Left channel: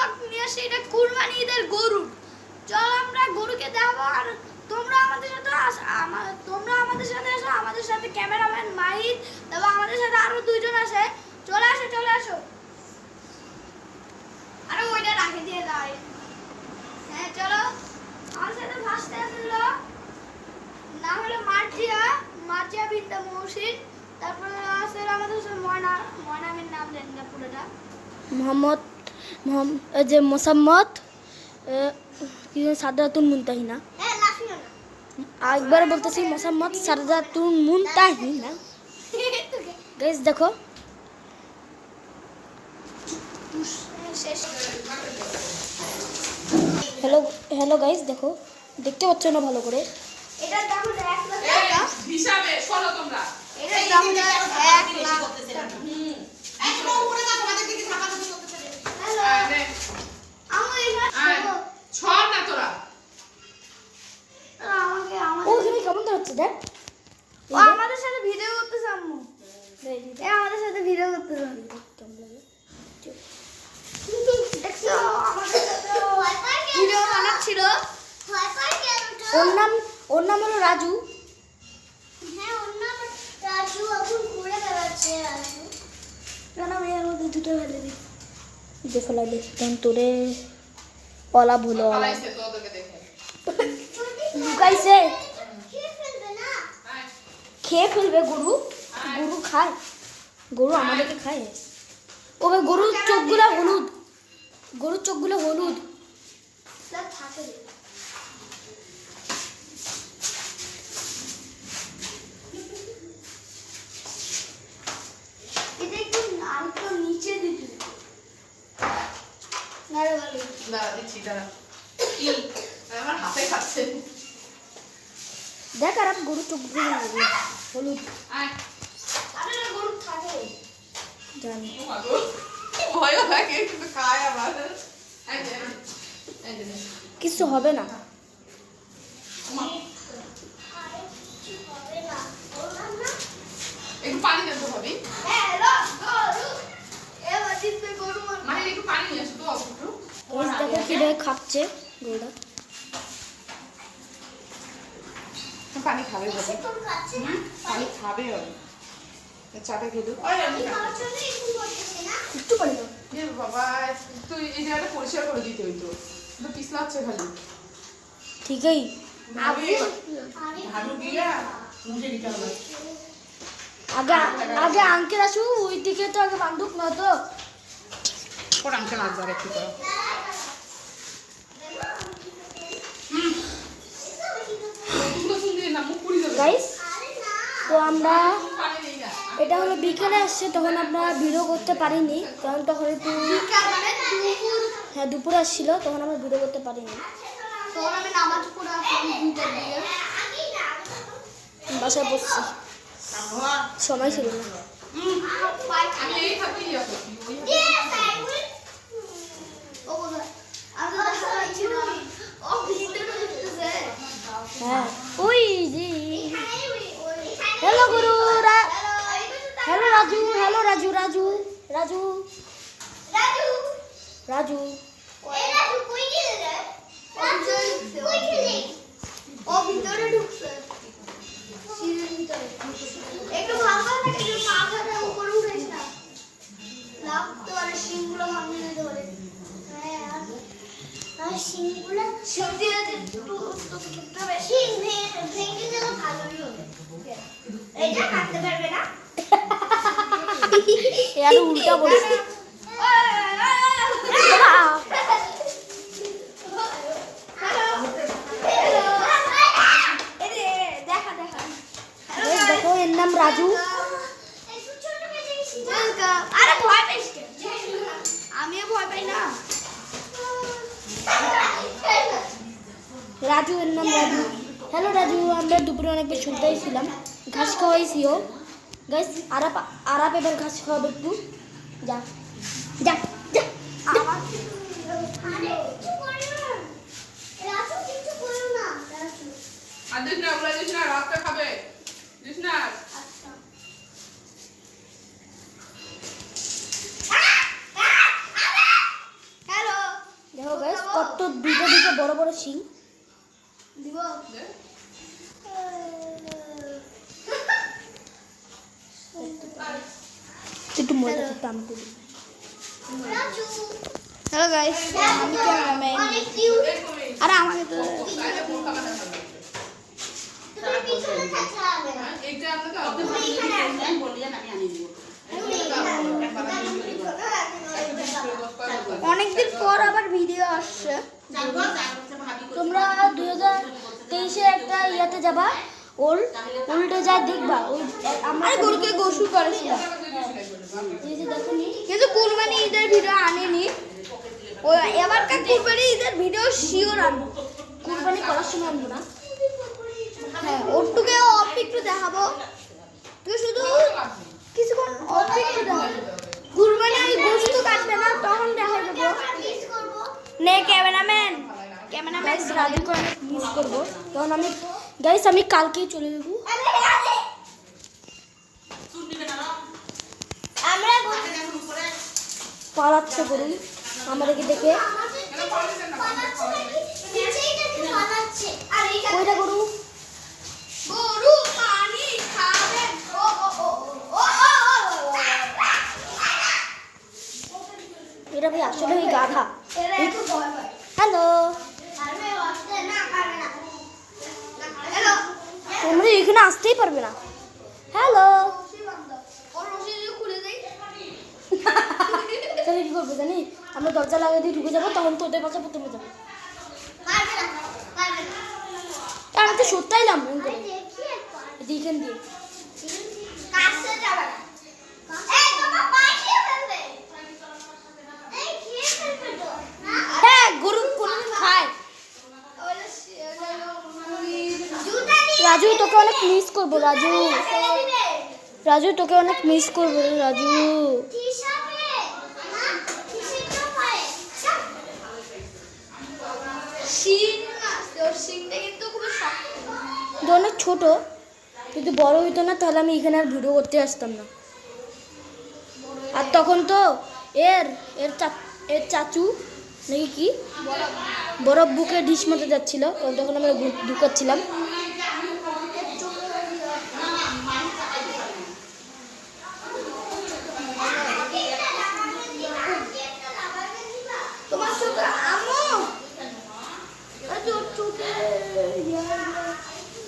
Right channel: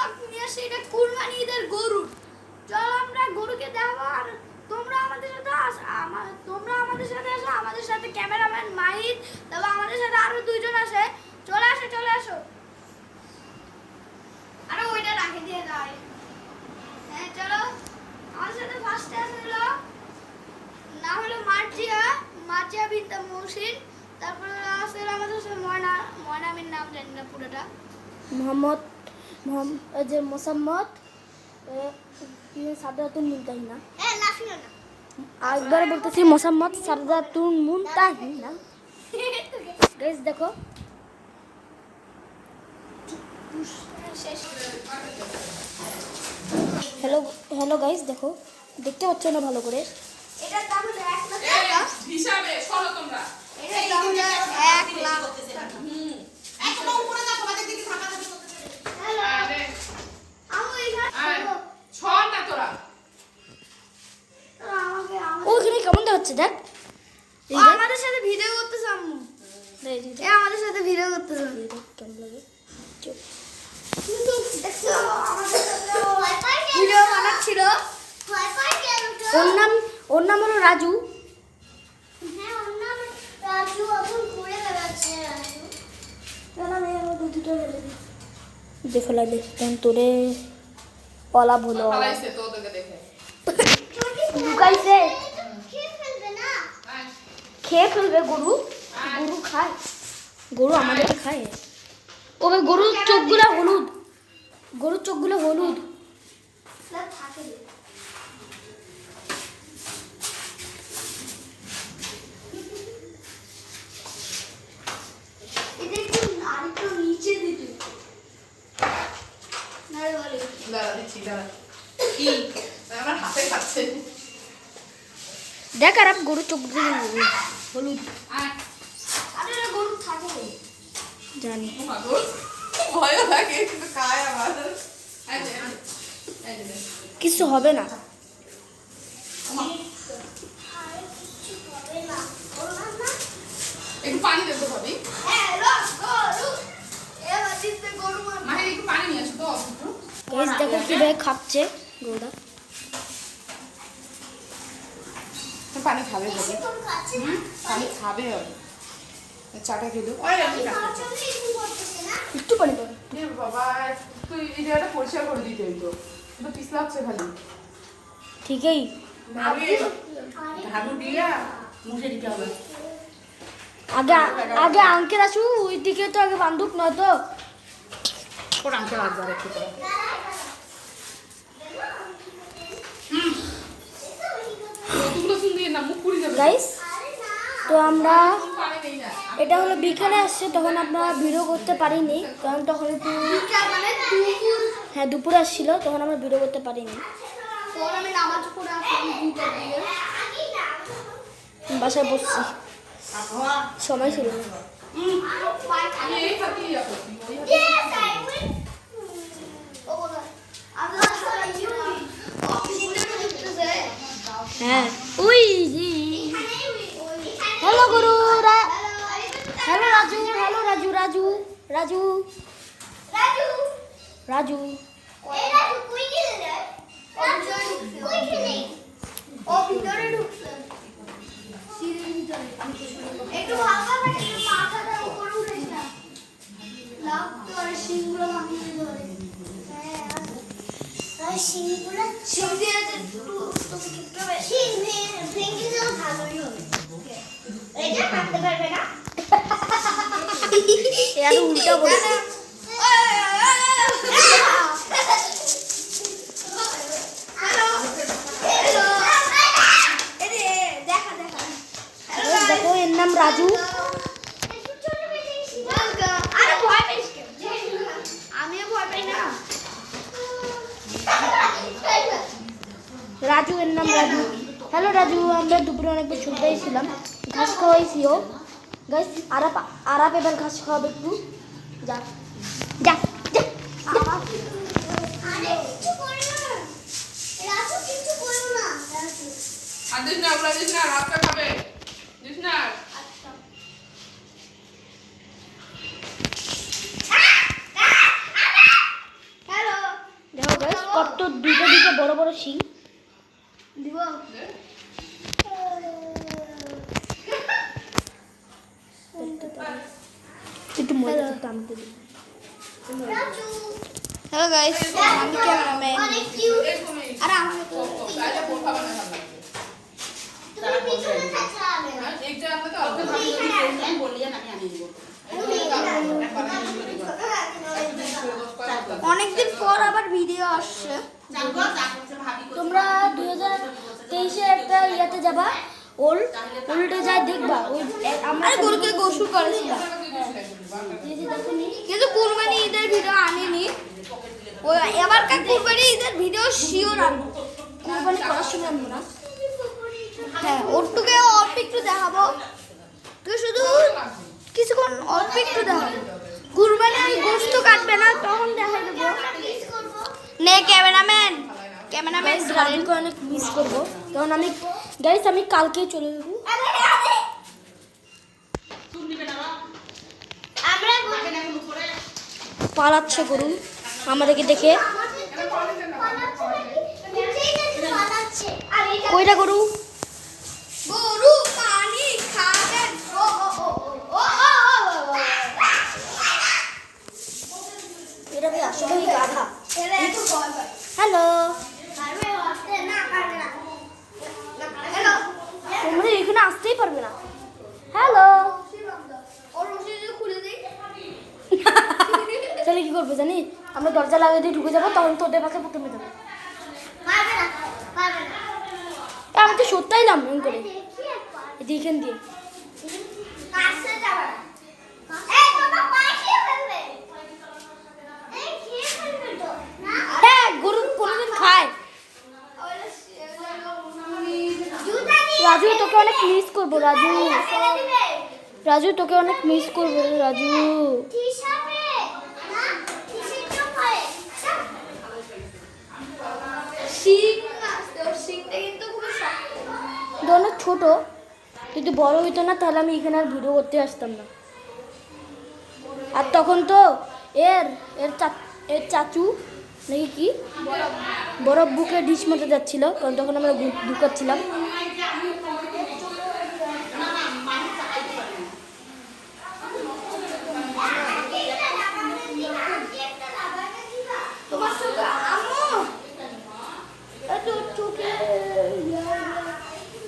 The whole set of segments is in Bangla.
ব্লগ নিয়ে আসি, এটা কুরবানি ঈদের গরু। চল আমরা গরুকে দেখাবো, আর তোমরা আমাদের সাথে আসো, আমাদের সাথে ক্যামেরাম্যান মাহিদ, তারপর আমাদের সাথে আরো দুইজন আসে। চলে আসো। আরে ওইটা রাখে দিয়ে দাও। হ্যাঁ চলো, আমার সাথে ফার্স্টে আসলো নাম হলো মার্জিয়া বিনতে মহসিন। তারপরে আসলে আমাদের সাথে ময়নামির নাম জানি না পুরোটা। মোহাম্মদ মোসাম্মদ কি সাদাতুন মুনতাহিনা। হ্যাঁ লাফিও না। একবার বলতেছি মোসাম্মদ সাদাতুন মুনতাহিনা। গাইস দেখো, শেষ। হ্যালো গাইস দেখো, দেখতে পাচ্ছ না ভালো করে? এটার দাম হলো 1 লাখ টাকা হিসাবে শোনো তোমরা। এটার দাম হলো 1 লাখ টাকা। একদম উপরে না, তোমাদের দিকে থাকা যাবে করতে চলে। হ্যালো আরে আমু এখানে ছড় না তোরা। আমাকে ওইখানে কেমন দেখাচ্ছে দেখ। ও আমাদের সাথে ভিডিও করতেছে আম্মু। আমাদের সাথে ভিডিও করতেছে। কেমন লাগে? দেখছো আমাদের সাথে ভিডিও বানাচ্ছিল। ওর নাম হলো রাজু। হ্যাঁ ওর নাম রাজু, এখন ঘুরে বেড়াচ্ছে রাজু। কেন আমি আর ওদের দুটো ফেলে দিই। ফেলা দে, তখন তোরে অলাভ হলো। পালাইছে তো ওদেরকে দেখে। লুকাইছে, খেয়ে ফেলবে না। খেয়ে ফেলবে। গরু খায়, গরু আমাদেরকে খায়। ও ভাই, গরুর চোখগুলো হলুদ। না থাকে। এটা একটু আরেকটু নিচে দিতে। না রে ভালো। দাঁড়া দিচ্ছি, দাঁড়া। কি? আমার হাতে খাচ্ছে। দেখ, আর গরুর চোখগুলো হলুদ। আয়। আরে না গরু থাকে। জানি। ও মা গো। ভয়ও লাগে কিন্তু খায় আবার। এই যে, এই যে। কিছু হবে না। একটু পানি দে তো ভাবি। হ্যালো গরু। এবার দিতে গরু মনে। মানে একটু পানি নিয়ে আসো তো একটু। গাইস দেখো কিভাবে খাচ্ছে গরুটা। পানি খাবে ভাবি। কোন খাচ্ছে না? পানি খাবে হবে। চাটা খেয়ে দেবো। ওই আমি খাওয়ার জন্য এরকম করতেছে না? একটু পানি দাও। এ বাবা, তুই এই জায়গাটা পরিষ্কার করে দিতে হইতো। কিন্তু পিছলা হচ্ছে খালি। ঠিকই। ঝাড়ু দিয়া মুছে দিতে হবে। আগে আঙ্কেল আসু, ওই দিকে তো আগে বান্ধব না তো। ওর আঙ্কেল আসবার একটু করে। গাইস তো আমরা, এটা হলো বিকেলে আসছে, তখন আমরা ভিডিও করতে পারিনি, কারণ তখন একটু হ্যাঁ দুপুরে আসছিল, তখন আমরা ভিডিও করতে পারিনি। তোর আমি নামাজ পড়ে আসলাম 2টার দিকে। বাসায় বসছি, সময় ছিল না। হ্যাঁ ওই জি। হ্যালো গুরু, হ্যালো রাজু, রাজু। একটু ভালো থাকে, মাথাটা উপরে উঠেছে না। লাভ তো আর শিংগুলো ভাঙে যেতে পারে। হ্যাঁ আর শিংগুলো শিং দিয়ে একটু তোকে খেতে হবে। শিং ভেঙে দেওয়া ভালোই হবে। এটা কাটতে পারবে না। আর উল্টা বলছে। দেখো এর নাম রাজু। আরে ভয় পাইস কেন? আমিও ভয় পাই না। রাজু, এর নাম রাজু। হ্যালো রাজু, আমরা দুপুরে অনেক বেশি শুনতেই ছিলাম, ঘাস খাওয়াইছিও। গাইস আরাপ এবার ঘাস খাওয়াবে একটু। যা যা যা। আরে কিছু করো না। রাজু কিছু করো না। আর দিস না, ওগুলা দিস না, রাতটা খাবে। দিস না। আচ্ছা। হ্যালো কত দুটো বড় বড় শিং। দিব কিন্তু মজা করতে আমি করি। রাজু হ্যালো গাইস, আমি ক্যামেরাম্যান। অনেক কিউট আরে আমাকে তো তুমি পিছনে থাকলে এইটা আমরা অনেকদিন পর আবার ভিডিও আসছে। তোমরা 2023-এ একটা ইয়াতে যাবা, উল্টো যায় দেখবা। ওই আমরা গরুকে গোসল করেছিলাম, কিন্তু কুরবানি ঈদের ভিডিও আনেনি। ওই এবারকার কুরবানি ঈদের ভিডিও শিওর আনবো, কুরবানি করার সময় আনবো না। হ্যাঁ, ওরটুকে অল্প একটু দেখাবো, তো শুধু কিছুক্ষণ অল্প একটু দেখাবো। কুরবানি আমি গোস্ত কাটবে না, তখন দেখা দেবো। নে ক্যামেরাম্যান রাজুকে অনেক মিস করবো, কারণ আমি কালকেই চলে যাবো। আমরা পালাচ্ছে করুন আমাদেরকে দেখে। কইটা গরু? গরু পানি খাবে। ও ও ও ও এটা ভাই আসলে গাধা। এরা এত ভয় পায়। হ্যালো, পারবে আসতে না পারবে না। হ্যালো তোমরা এখানে আসতেই পারবে না। হ্যালো, ওর রশি খুলে দেই। তাহলে কি করবো জানি? আমরা দরজা লাগিয়ে দিয়ে ঢুকে যাবো, তখন তোদের পাশে প্রথমে যাবো। পারবে না পারবে না। আমি তো সত্যাইলাম মন করে দেখি একবার দেখেন দিয়ে। কাছে যাবে না। এই তোমার পায়ে খেয়ে ফেলবে। এই খেয়ে ফেলবে তো না। হ্যাঁ, গরু কোনোদিন খায়। ওলা জুতা দিয়ে রাজু তোকে অনেক মিস করবো। ফেলে দিবে। রাজু তোকে অনেক মিস করবো রে রাজু। হিসাবে না কিসের তো পারে। শিং না তোর শিংটা কিন্তু খুব শক্ত। তো অনেক ছোট, যদি বড় হইতো না তাহলে আমি এখানে আর ভিডিও করতে আসতাম না। আর তখন তো এর চাচু নাকি কি বরফ বুকে ডিশ মতো যাচ্ছিল, কারণ তখন আমরা ঢুকাচ্ছিলাম। তোমার সাথে আমু এই তো চোখে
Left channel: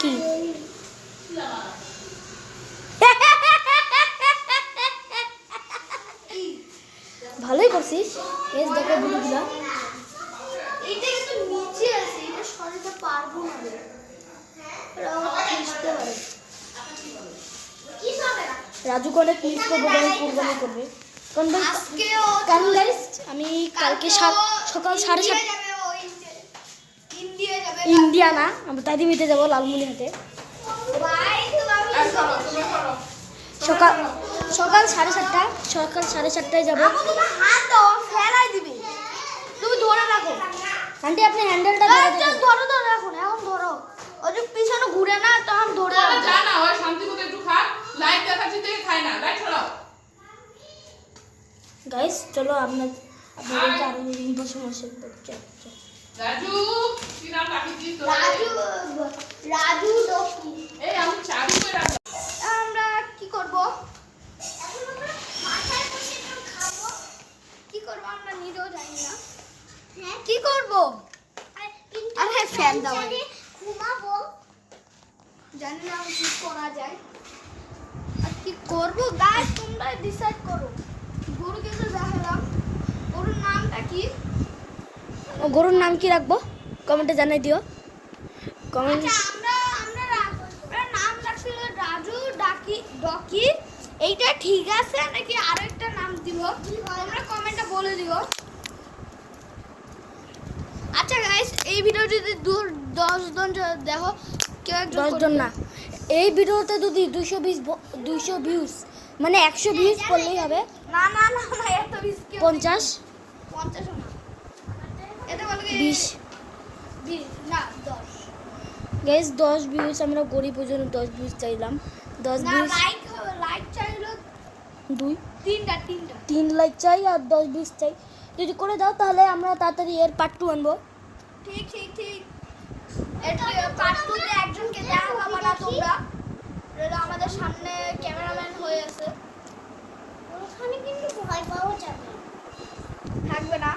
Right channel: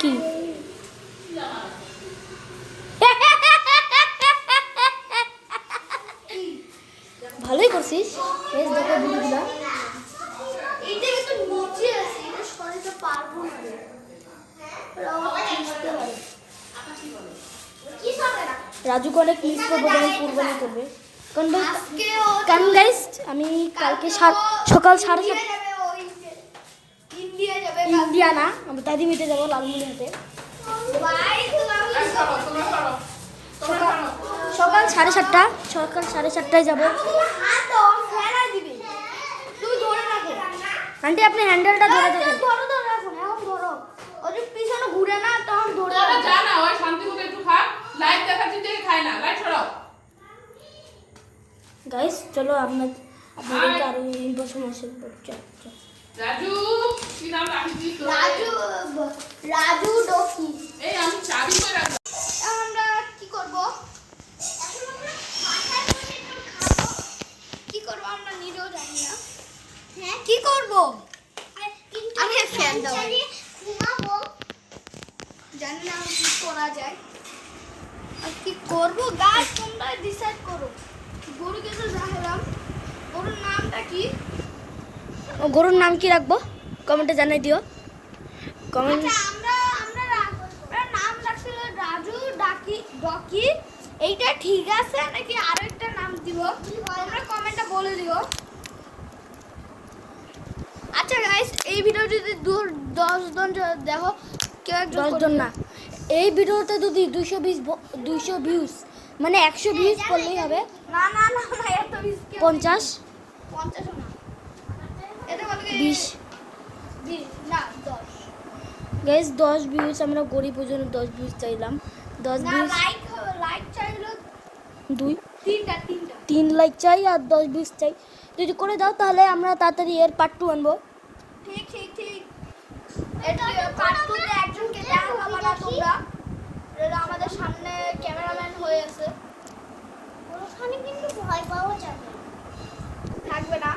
কি ভালোই করছিস। বেশ দেখে বুঝলা। এইটা কিন্তু নিচে আছে, এটা সরাতে পারবো না রে। এটা বুঝতে পারে কি হবে না। রাজুকে অনেক মিস করবো যখন কুরবানি করবে। কারণ ভাই, আজকে ও কারণ গাইস আমি কালকে সকাল 7:30 যাবে, ও ইন্ডিয়া যাবে। ইন্ডিয়া না, আমরা দাদিমিতে যাবো লালমনিহাটে। ভাই তো আমি সকাল 7:30টায় যাবো। তোমার হাত দাও ফেলা দিবে। তুমি ধরে রাখো। আন্টি আপনি হ্যান্ডেলটা ধরে থাকেন। ধরো ধরে রাখো এখন ধরো। ওই যে পিছনে ঘুরে না তখন ধরে তোরা রাখো। যা না, ওই শান্তি মতো একটু খা। লাইট দেখাচ্ছি থেকে খাই না, লাইট ছড়াও। গাইস চলো আপনাদেরকে আরো ইনফরমেশন দিচ্ছি। রাজু, কি নাম রাখিছিস তোর? রাজু ডকি। এই আমি চাবি কই রাখবো? আমরা কি করব? এখন আমরা মাথায় বসে একটু খাবো। কি করব আমরা নিজেও জানি না। হ্যাঁ কি করব? আরে ফ্যান দাও। ঘুমাবো। জানি না আমি কি করা যায়। আর কি করব গাইস তোমরা ডিসাইড করো। গরুকে তো দেখালাম। গরুর নামটা কি? গরুর নাম কি রাখবো কমেন্টে জানাই দিও। কমেন্ট আচ্ছা, আমরা নাম রাখছিল রাজু ডকি। এইটা ঠিক আছে নাকি আরো একটা নাম দিব? তোমরা কমেন্টে বলে দিও। আচ্ছা গাইস, এই ভিডিও যদি 10 জন দেখো, কেউ 10 জন না, এই ভিডিওতে যদি 200 ভিউজ মানে 100 ভিউজ করলেই হবে। না না না না এত রিস্কি 50 না। এটা বলে 20 না 10 গাইস 10 ভিউজ। আমরা গরিব ওই জন্য 10 ভিউজ চাইলাম। 10 না ভিউজ লাইক চাইলো 2 তিনটা 3 লাইক চাই আর 10 ভিউজ চাই। যদি করে দাও তাহলে আমরা তাড়াতাড়ি এর পার্ট 2 আনবো। ঠিক ঠিক ঠিক এটা পার্ট 2 তে একজনকে দেখাবো না তোমরা, এটা আমাদের সামনে ক্যামেরাম্যান হয়ে আছে, ওখানে কিন্তু ভয় পাওয়া যাবে থাকবে না।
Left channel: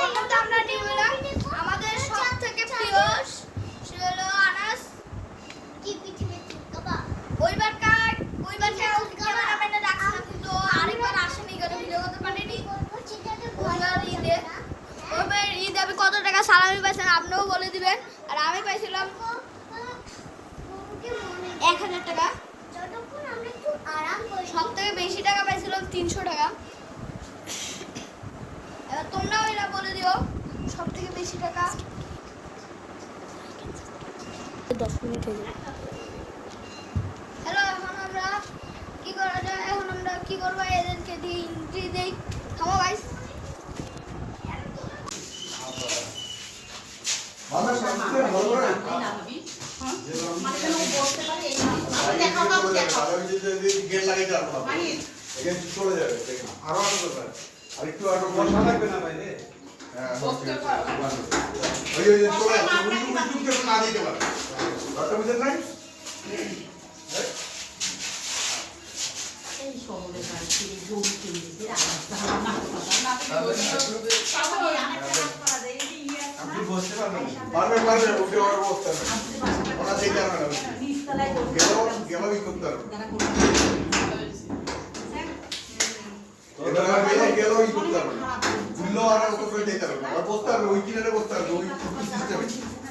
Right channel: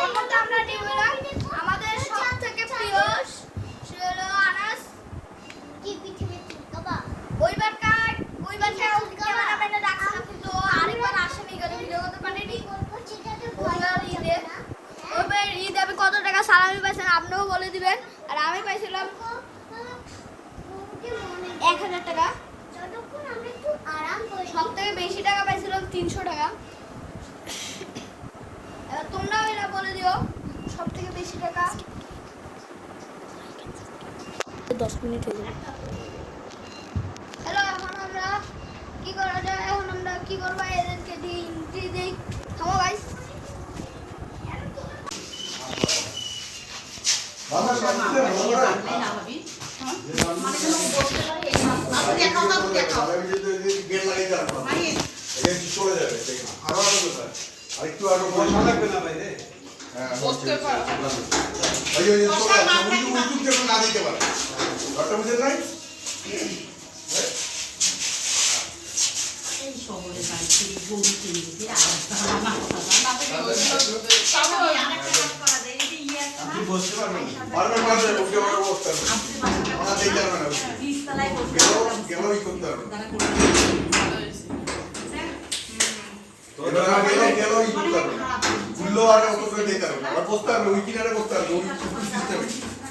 ওর মধ্যে আমরা নিয়ে এলাম আমাদের সব থেকে প্রিয় সে হলো আনাস কি পৃথিবীর বাবা। ওইবার ক্যামেরাম্যানে ডাকছিলাম কিন্তু আরেকবার আসেনি, কেন ভিডিও করতে পারিনি। ওইবার ঈদ আমি কত টাকা সালামি পাইছিলাম আপনিও বলে দিবেন। আর আমি পাইছিলাম 1000 টাকা, সব থেকে বেশি টাকা পাইছিলাম 300 টাকা। এবার তোমরাও এটা বলে দিও সব থেকে বেশি টাকা। 10 মিনিট হয়ে যাবে। হ্যালো, এখন আমরা কি করা যায়? এখন আমরা কি করবো? এদেরকে দিই খাবো ভাই। বসতে পারো।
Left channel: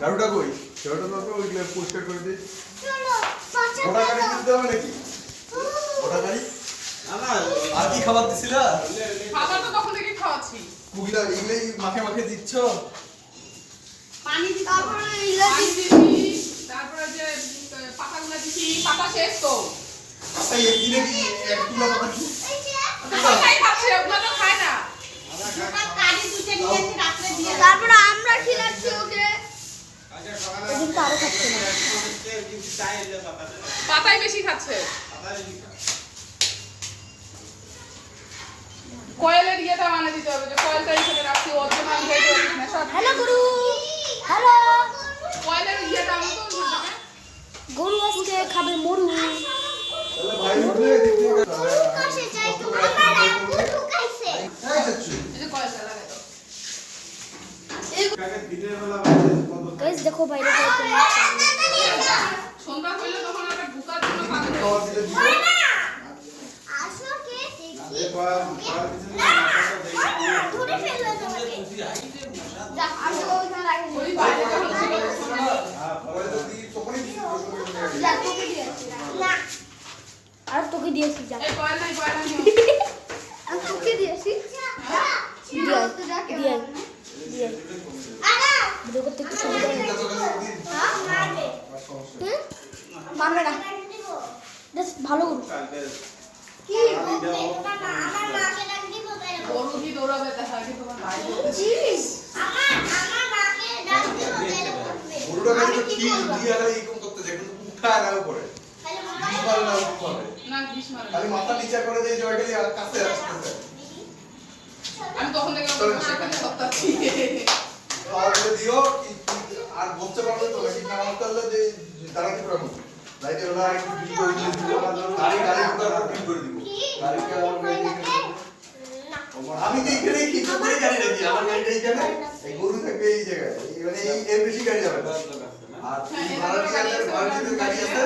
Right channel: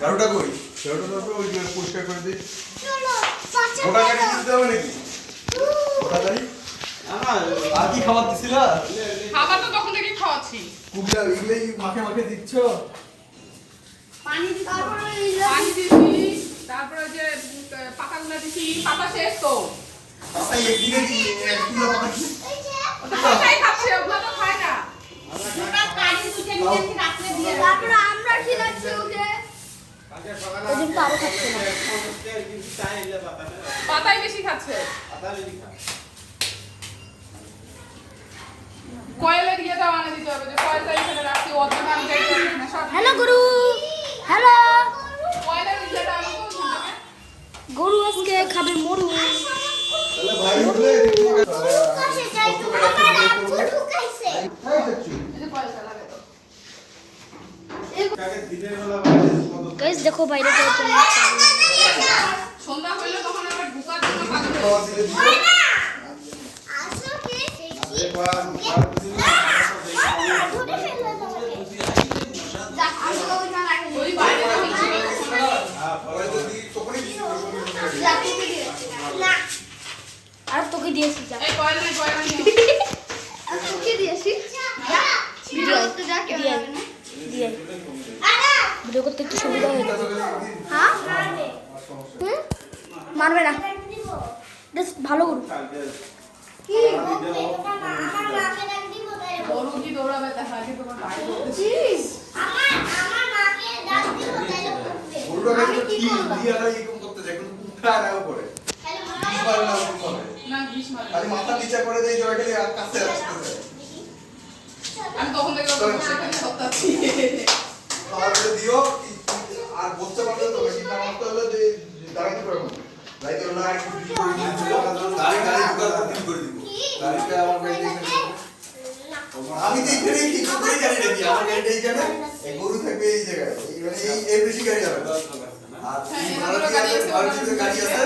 ঝাড়ুটা কই? ঝাড়ুটা তো ওই পরিষ্কার করে দিই। ওটা কেটে দিতে হবে নাকি? ওটা যাই। আর কি খাবার দিছিল? খাবার তো তখন থেকে খাওয়াচ্ছি। কুগলা এগুলাই মাখে মাখে দিচ্ছ? পানি দিছি, তারপরে যে পাতাগুলো দিছি, পাতা শেষ তো। পাতা একদিনে কি এক কিলো পাতা কি? পাতাই খাচ্ছে, ওগুলো তো খায় না। তারপরে আমরা খিলাচ্ছি ওকে। ওদিন তো আরো খাচ্ছে না। পাতাই বেশি খাচ্ছে। কয়েলের ইয়েটা আনে দিতে হবে, যে কয়েলটা এখানে রাখছি, ওর জন্য আমি যাইতে পারছি না। সব হ্যালো গুরু, হ্যালো। কয়েলের ইয়েটা আনো তো ওখানে। গরু আজকে খাবে মরু। তাহলে ভাই উঠলে দেখো তাহলে কষ্ট করে রাখতে হবে। এই যাচ্ছি। এই যে কয়েলটা লাগে তো। কাকে দিনের বেলা বাজে কত? গাইস দেখো বাইরে থেকে চলে আসছে। সন্ধ্যা হইলে তখন আমরা ঢুকার জন্য ভালো খাওয়া দিলে দিও। ওই বাইরে যখন ছিল আর তোকে দিয়েছি যা। এই কয়েল নাই, কয়েল নাই। দিয়ে ভিডিও করতে একটু সুবিধা হয়ে যাবে। মারবে না, বেশ ভালো গরু। গরুটি দৌড়াবে, তার আগে তোমার ভাই গরুটা কাছে কি দিয়া লাগে এরকম করতে যায়, কিন্তু উঠা লাগা করে। বিশবার না এরকম করে। না বিষ মারে। খালি মাথা নিচে করে দেই জয়টাই আর কাছে আসতেছে। আমি তখন দেখলাম বসে এখানে সত্তাচ্ছি। তাহলে দিও আর বলতে পারলে তো বেশি না করতে হলে যে দাঁড়াতে পারবো। লাইতে হলো আর একটু ভিডিও করে দিও। গাড়ি করে দিব। গাড়িটা আমার গাড়ি এখানে। আমি তো এখানে কি করে জানি নাকি আমার গাড়িটা এখানে এই গরু থাকবে এই জায়গায়। মানে এই বেশি গাড়ি হবে। আর ভারতীয় গাড়ি আছে।